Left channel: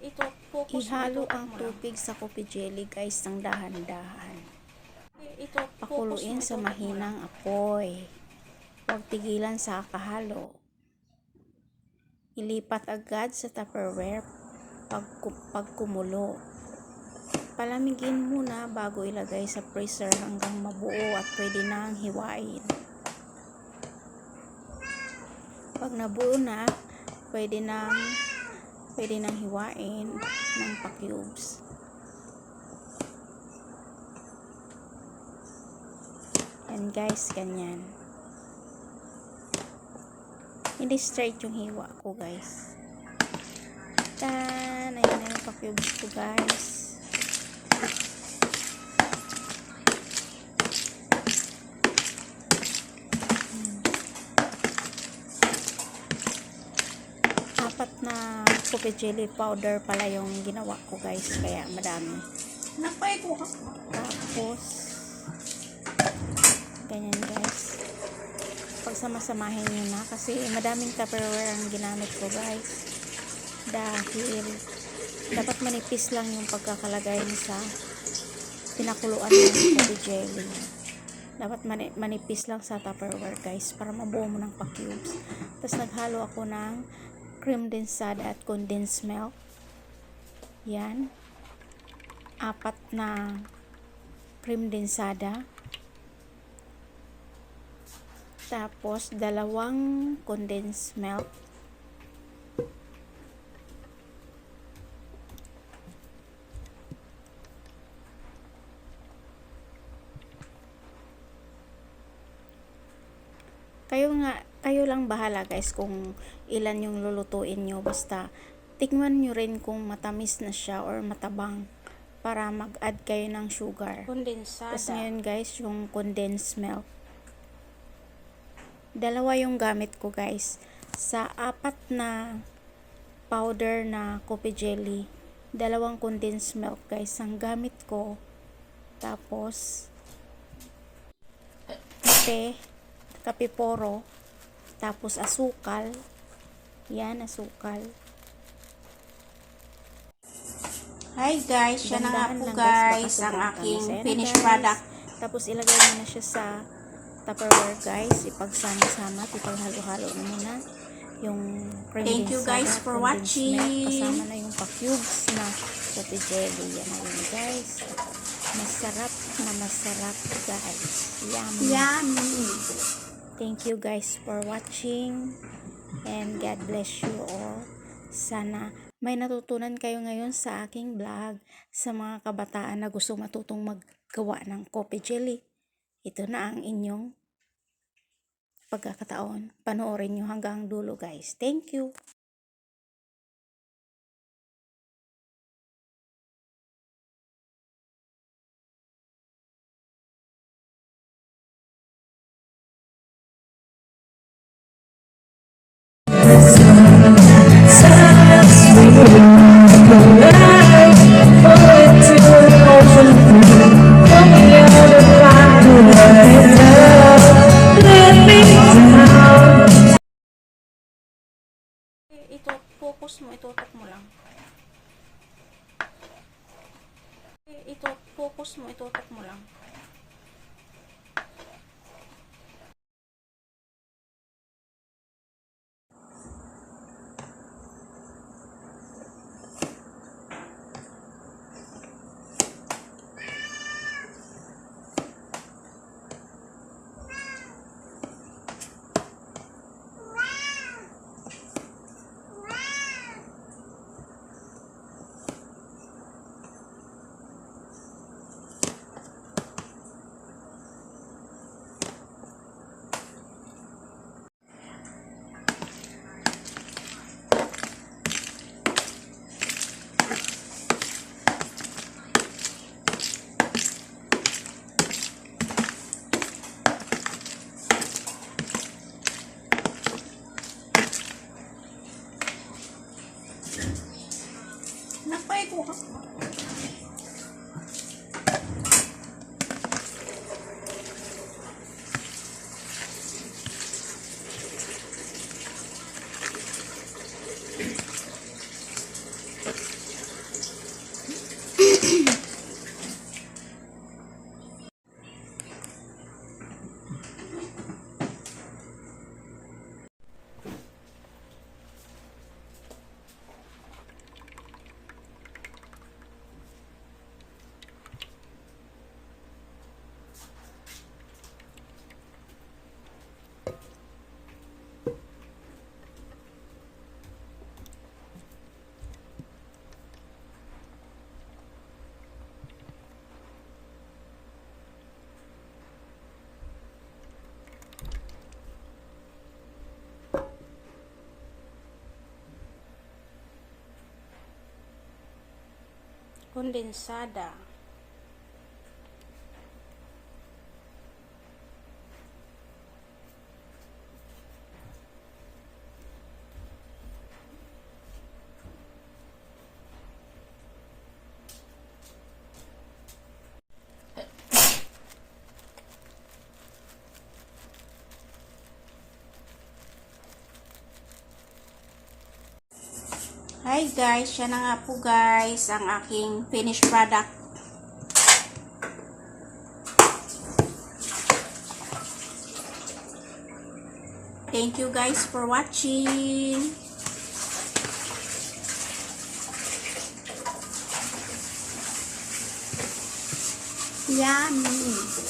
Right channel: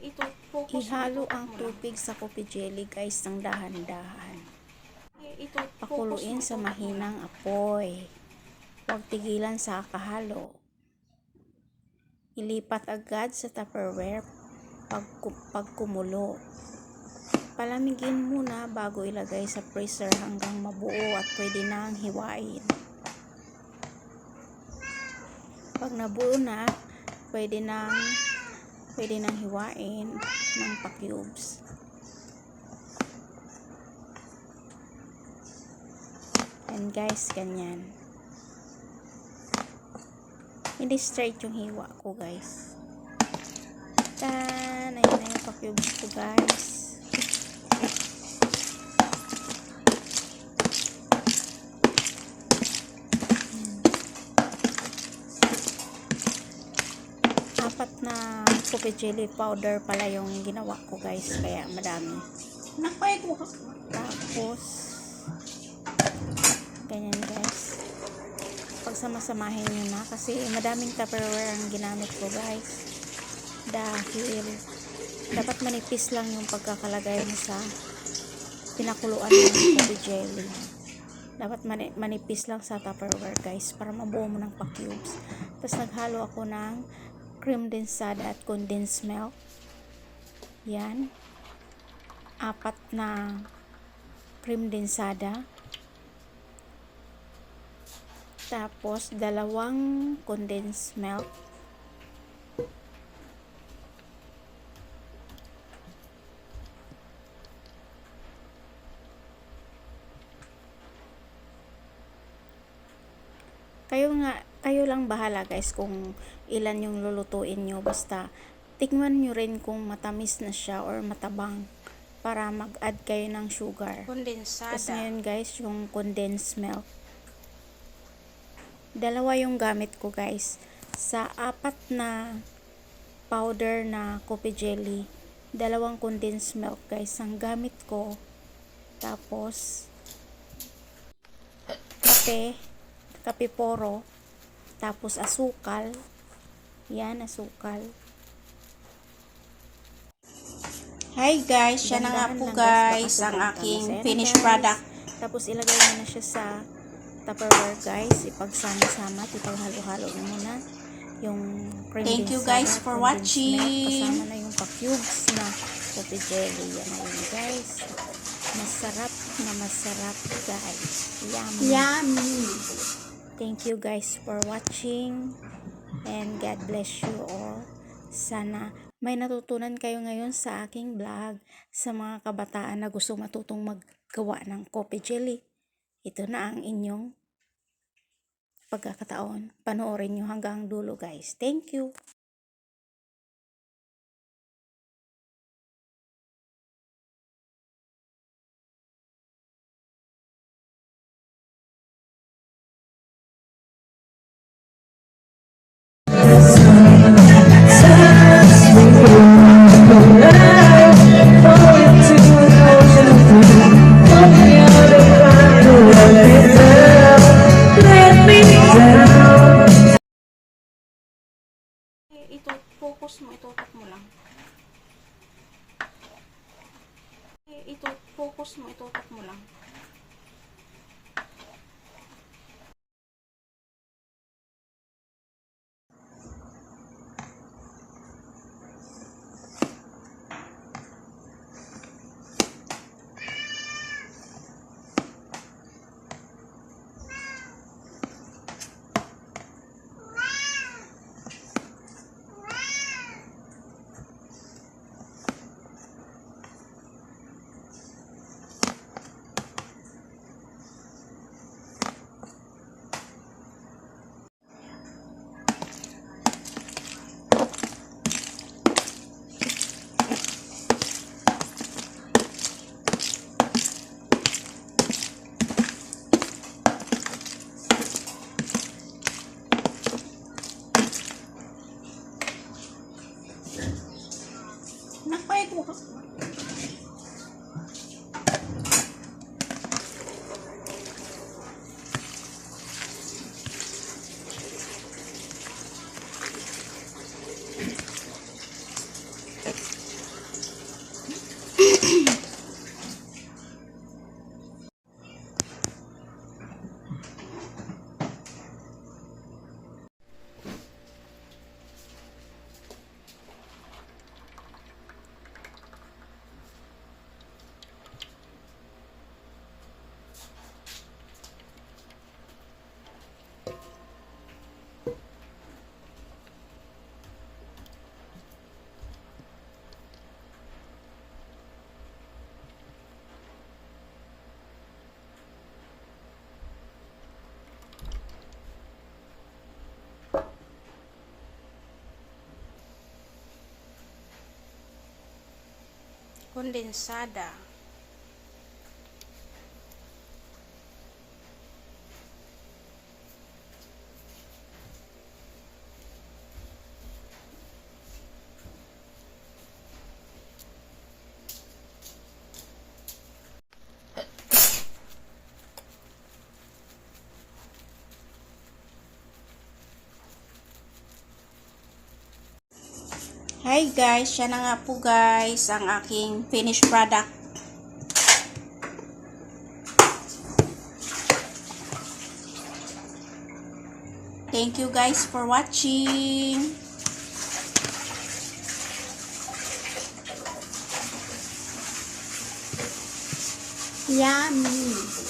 Ito, focus mo, Ihalo itutok ang mo lang. tubig sa coffee jelly guys ng dahan-dahan. Ito, focus mo, Pakuluin sa itutok mo lang. mahinang apoy. Huwag tigilan sa kahalo. Ilipat agad sa Tupperware pag kumulo. Palamigin muna bago ilagay sa freezer hanggang mabuo at pwede nang hiwain. Pag nabuo na, pwede nang hiwain ng pa-cubes. Yan guys, ganyan. Hindi straight yung hiwa ko guys. Tan! Ayan na yung pa-cubes ko guys. Apat na coffee jelly powder pala yung ginawa ko guys, kaya madami. Nakpay ko. Tapos ganyan guys, pagsamasamahin nyo na kasi madaming Tupperware ang ginamit ko guys, dahil dapat manipis lang yung pagkakalagay mo sa pinakuluan ng coffee jelly. Dapat manipis lang sa Tupperware guys para mabuo mo ng pa-cubes. Tapos naghalo ako ng cream densada at condensed milk. Yan, 4 na cream densada, tapos 2 condensed milk, kayo lang bahala guys kung ilan yung lulutuin nyo, basta tikman nyo rin kung matamis na siya or matabang para mag-add kayo ng sugar. Kondensada. Tapos ngayon guys, yung condensed milk, 2 yung gamit ko guys. Sa 4 na powder na coffee jelly, 2 condensed milk guys ang gamit ko. Tapos kape poro, tapos asukal. Yan, asukal. Hi guys, yan na nga po guys ang aking finished product. Tapos ilagay mo na siya sa Tupperware guys, ipagsama-sama, ipaghalo-halo mo muna yung cream densada. Thank you guys for watching. Kasama na yung pa-cubes na coffee jelly. Yan na yun guys. Masarap na masarap guys. Yummy. Yummy. Thank you guys for watching and God bless you all. Sana may natutunan kayo ngayon sa aking vlog. Sa mga kabataan na gusto matutong maggawa ng coffee jelly, ito na ang inyong pagkakataon. Panoorin nyo hanggang dulo guys. Thank you. Ito, focus mo, itutok mo lang. Ito, focus mo, itutok mo lang. Nakpay ko. kondensada. Hi guys, yan na nga po guys ang aking finished product. Thank you guys for watching. Yummy.